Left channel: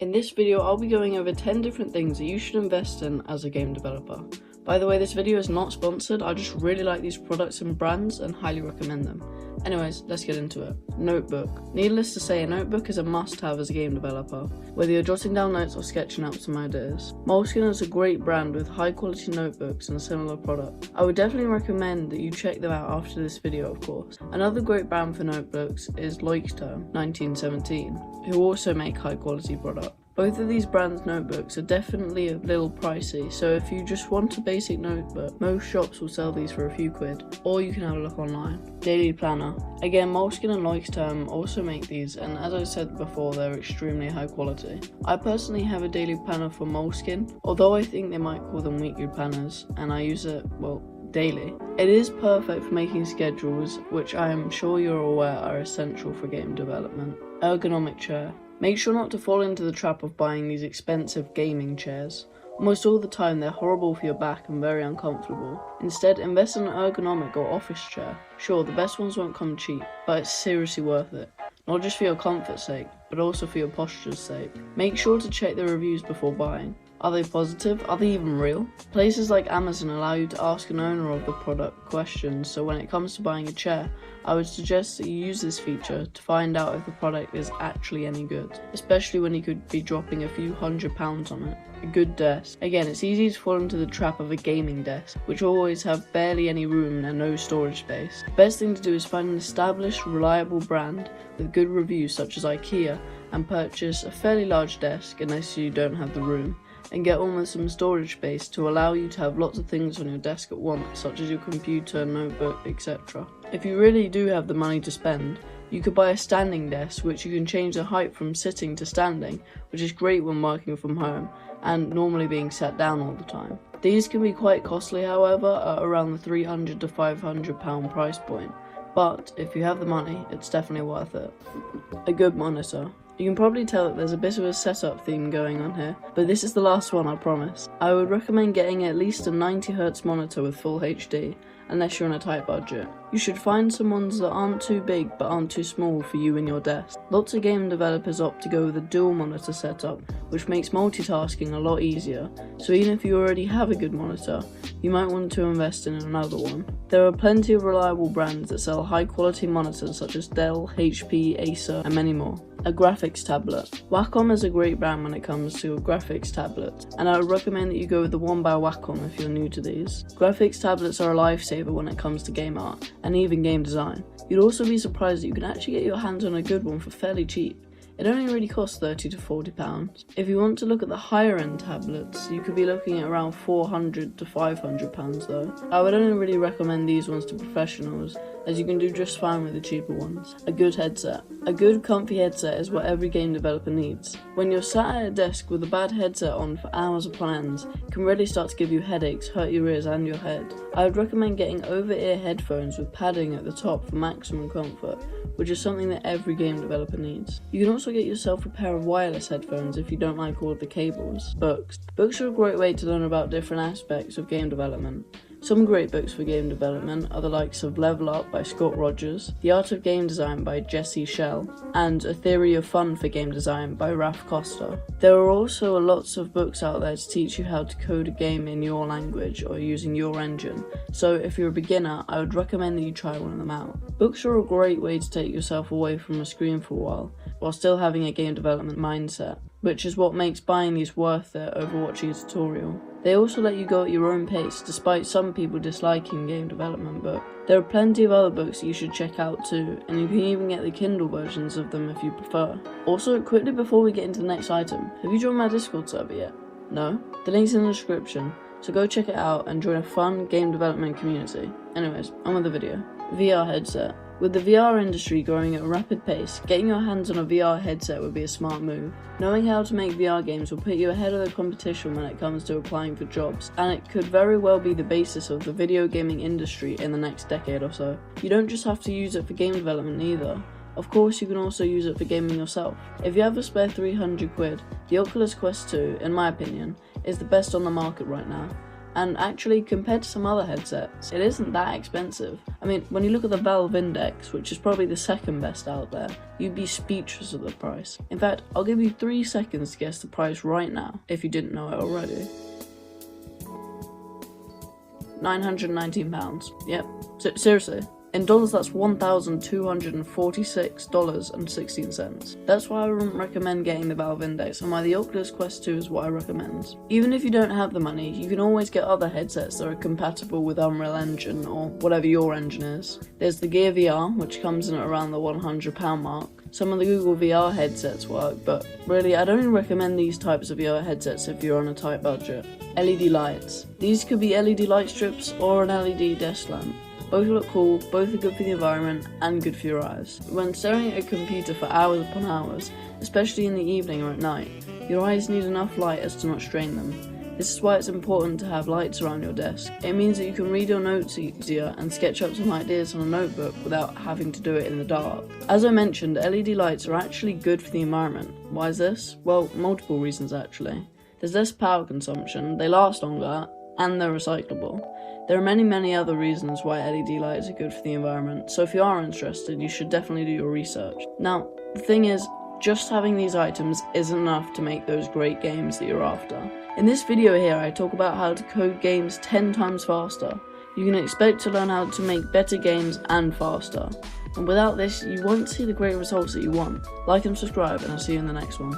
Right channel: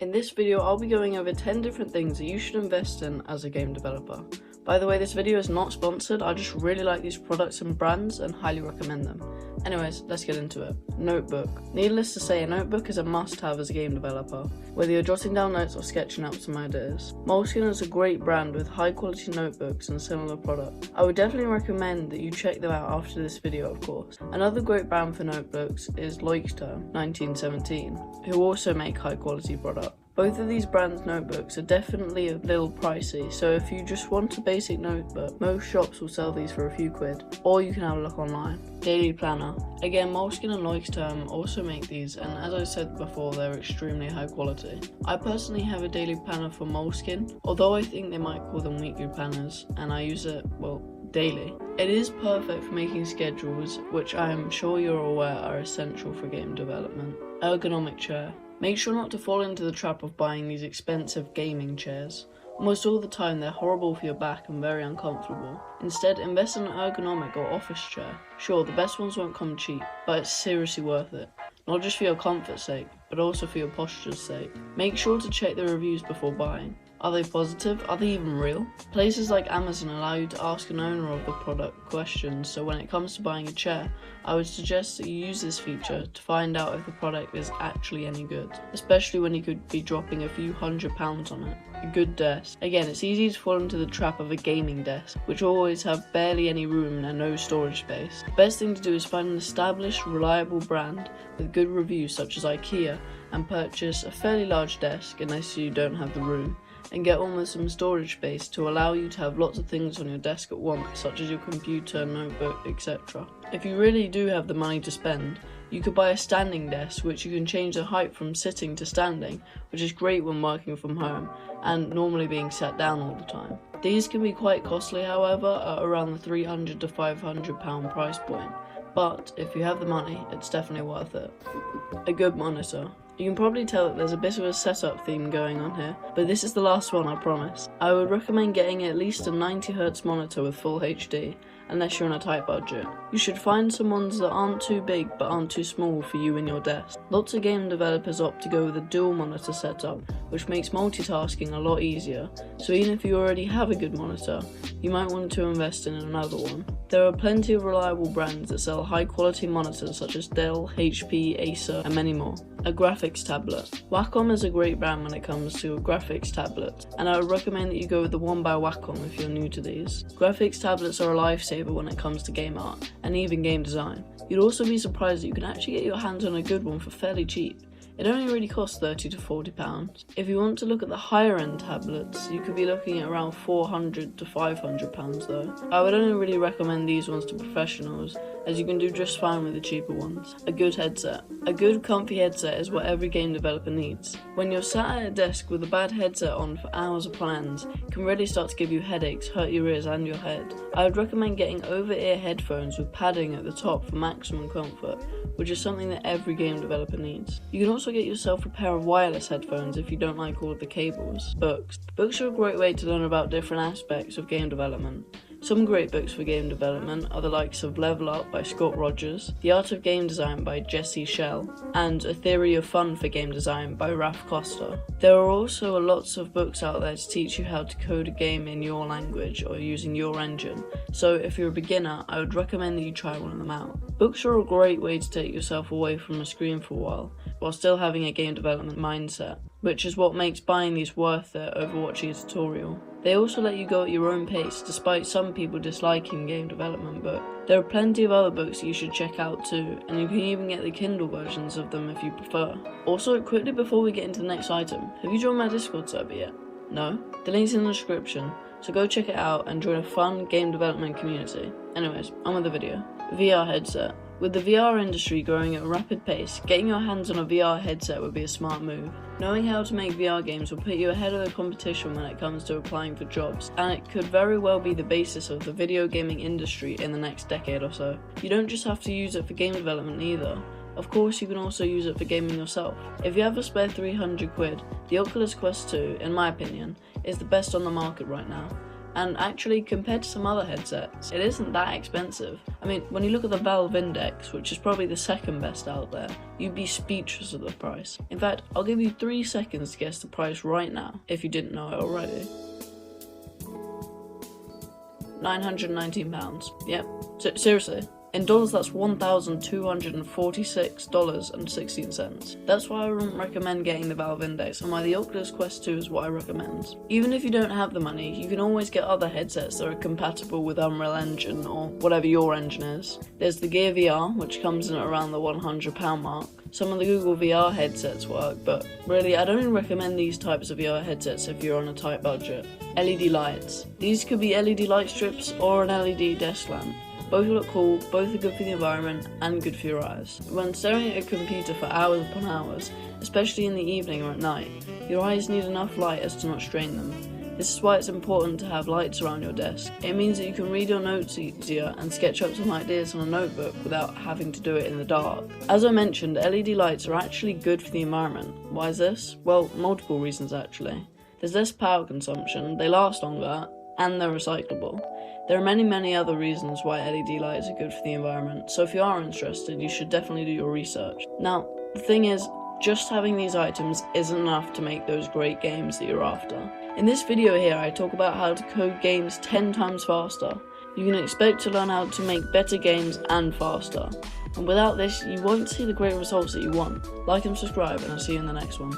In this video, I'll be going over 10 different things that you should invest in as a game developer. By the way, this video is not sponsored, I just really like these products and brands and highly recommend them. Anyways, let's get into it. Notebook. Needless to say, a notebook is a must-have as a game developer, whether you're jotting down notes or sketching out some ideas. Moleskine is a great brand with high-quality notebooks and a similar product. I would definitely recommend that you check them out after this video, of course. Another great brand for notebooks is Leuchtturm 1917, who also make high-quality products. Both of these brands' notebooks are definitely a little pricey, so if you just want a basic notebook, most shops will sell these for a few quid, or you can have a look online. Daily Planner. Again, Moleskine and Leuchtturm also make these, and as I said before, they're extremely high quality. I personally have a daily planner for Moleskine, although I think they might call them weekly planners, and I use it, well, daily. It is perfect for making schedules, which I am sure you're aware are essential for game development. Ergonomic chair. Make sure not to fall into the trap of buying these expensive gaming chairs. Almost all the time they're horrible for your back and very uncomfortable. Instead, invest in an ergonomic or office chair. Sure, the best ones won't come cheap, but it's seriously worth it. Not just for your comfort's sake, but also for your posture's sake. Make sure to check the reviews before buying. Are they positive? Are they even real? Places like Amazon allow you to ask an owner of the product questions, so when it comes to buying a chair, I would suggest that you use this feature to find out if the product is actually any good, especially when you could be dropping a few £100s on it. A good desk. Again, it's easy to fall into the trap of a gaming desk, which always have barely any room and no storage space. The best thing to do is find an established, reliable brand with good reviews such as IKEA and purchase a fairly large desk unless you don't have the room, and get almost some storage space to allow you to have lots of things on your desk at once, such as your computer, notebook, etc. If you really do have the money to spend, you could buy a standing desk which you can change the height from sitting to standing, which is great when working from home and normally being sat down all the time. These can be quite costly, however, at around the £300 to £500 price point, but if you have the money, it's definitely worth it. A good monitor. You can probably tell that there's a bit of a setup theme going on here, but this is the last one, I promise. I would recommend getting at least a 90Hz monitor with full HD, unless you're on a tight budget. You should find some ones that aren't too big but aren't too small for you and your desk. Lots of game developers opt to go with a dual monitor setup, which makes multitasking a lot easier, so even if you already have a good monitor, you might want to invest in another one. There are plenty of reliable brands that sell high quality monitors such as Dell, HP, Acer, and many more. A graphics tablet. Wacom is a great brand when it comes to graphics tablets, and I would recommend that you go with the one by Wacom if you're new to these. Graphics tablets are a lifesaver when it comes to game art, and even game design. You'd also be surprised that you can actually get your hands on a good one for fairly cheap. It only really costs £30 to £40. If you want to look at the higher end tablets, you could be looking at around £400 to £500 though. I would only really recommend these ones to professionals, as you can do just fine with the cheaper ones. A good headset. A good comfy headset is what every game developer needs. When you're sat at a desk with a bad headset on for hours upon end, it can really start to give you headaches, hurt your ears and your head. I would recommend getting over-ear headphones with padding at the top for maximum comfort, which is something that every game developer needs. You can also get yourself a pair of wireless headphones if you don't like all of the cables. Books. Books are a great way to learn about different aspects of game development. Some great books for game development are the likes of Level Up by Scott Rogers, The Art of Game Design by Jesse Schell, and A Theory of Fun for Game Design by Ralph Costa. There are also lots of books out there to teach you how to code a game in your language or using your engine, so if you're a beginner, I would recommend that you try one of them out. Books are a great way to take yourself away from the screen for a while still having a game development mindset, which is what makes buying these worth it over watching a tutorial. They also let you go at your own pace, despite some people disliking game development books. There are plenty of other books you should check out too, and you can even get the Kindle versions of them if you prefer. Also, quickly before we get into the next item, have you joined my Discord server yet? No? The link's in the description, so go check it out and join a fun game development community. Anyways, on with the video. VR headset. With the VR industry growing at a rapid pace, getting your hands on a VR headset would be a smart move. Knowing how to make VR games will put you ahead of the competition when it comes to applying for jobs, and it could very well be the basis of the video gaming industry in the next decade or so. You don't just have to use it for game development either. Of course, you can also use it for gaming yourself. If you have a spare 300 quid, the Oculus Quest 2, in my opinion, is the best on the market right now. And actually, compared to some other headsets, it isn't that expensive. I mean, when you look at the Valve Index, which is probably the second best out there, you'd be speechless at the price. In fact, I'll give you 3 seconds to guess the price right now, if you didn't know it already. £919. Yep, seriously. In dollars, that's $1,246.16. That's why I recommend getting the Valve Index, and why the Oculus Quest 2 is what I recommend. Even if you don't have the money, you can always get other headsets that are compatible with Unreal Engine or whatever your engine is. There's the Gear VR, which comes in at around the £100 mark. Some of the Google VR headsets work, but really I don't recommend these types of VR headsets if you're on a tight budget. LED lights. These could be LED light strips or an LED desk lamp. Both look cool, both are good for the environment and good for your eyes. When staring at a computer for hours upon hours, especially in the evening or at night, your eyes need enough light as to not strain them. This is why it's important to have lights around your desk. It means that you can read your notes easier and sketch up some ideas on a notebook without having to do it in the dark. As I mentioned, LED lights are actually good for the environment. Why is this? Well, multiple reasons actually. There's less power consumption, they last longer, and they're recyclable. There are many other reasons why LED lights are good for the environment, so if you are interested, you should definitely do your research. Now, the thing is, just having these items isn't enough to make those great games that you're after. In this video here, I talk about how to code games 10 times faster. You can expect to learn how to make better games and faster. And without this, you won't see the great results that you want. Like and subscribe, and I'll see you in the next one.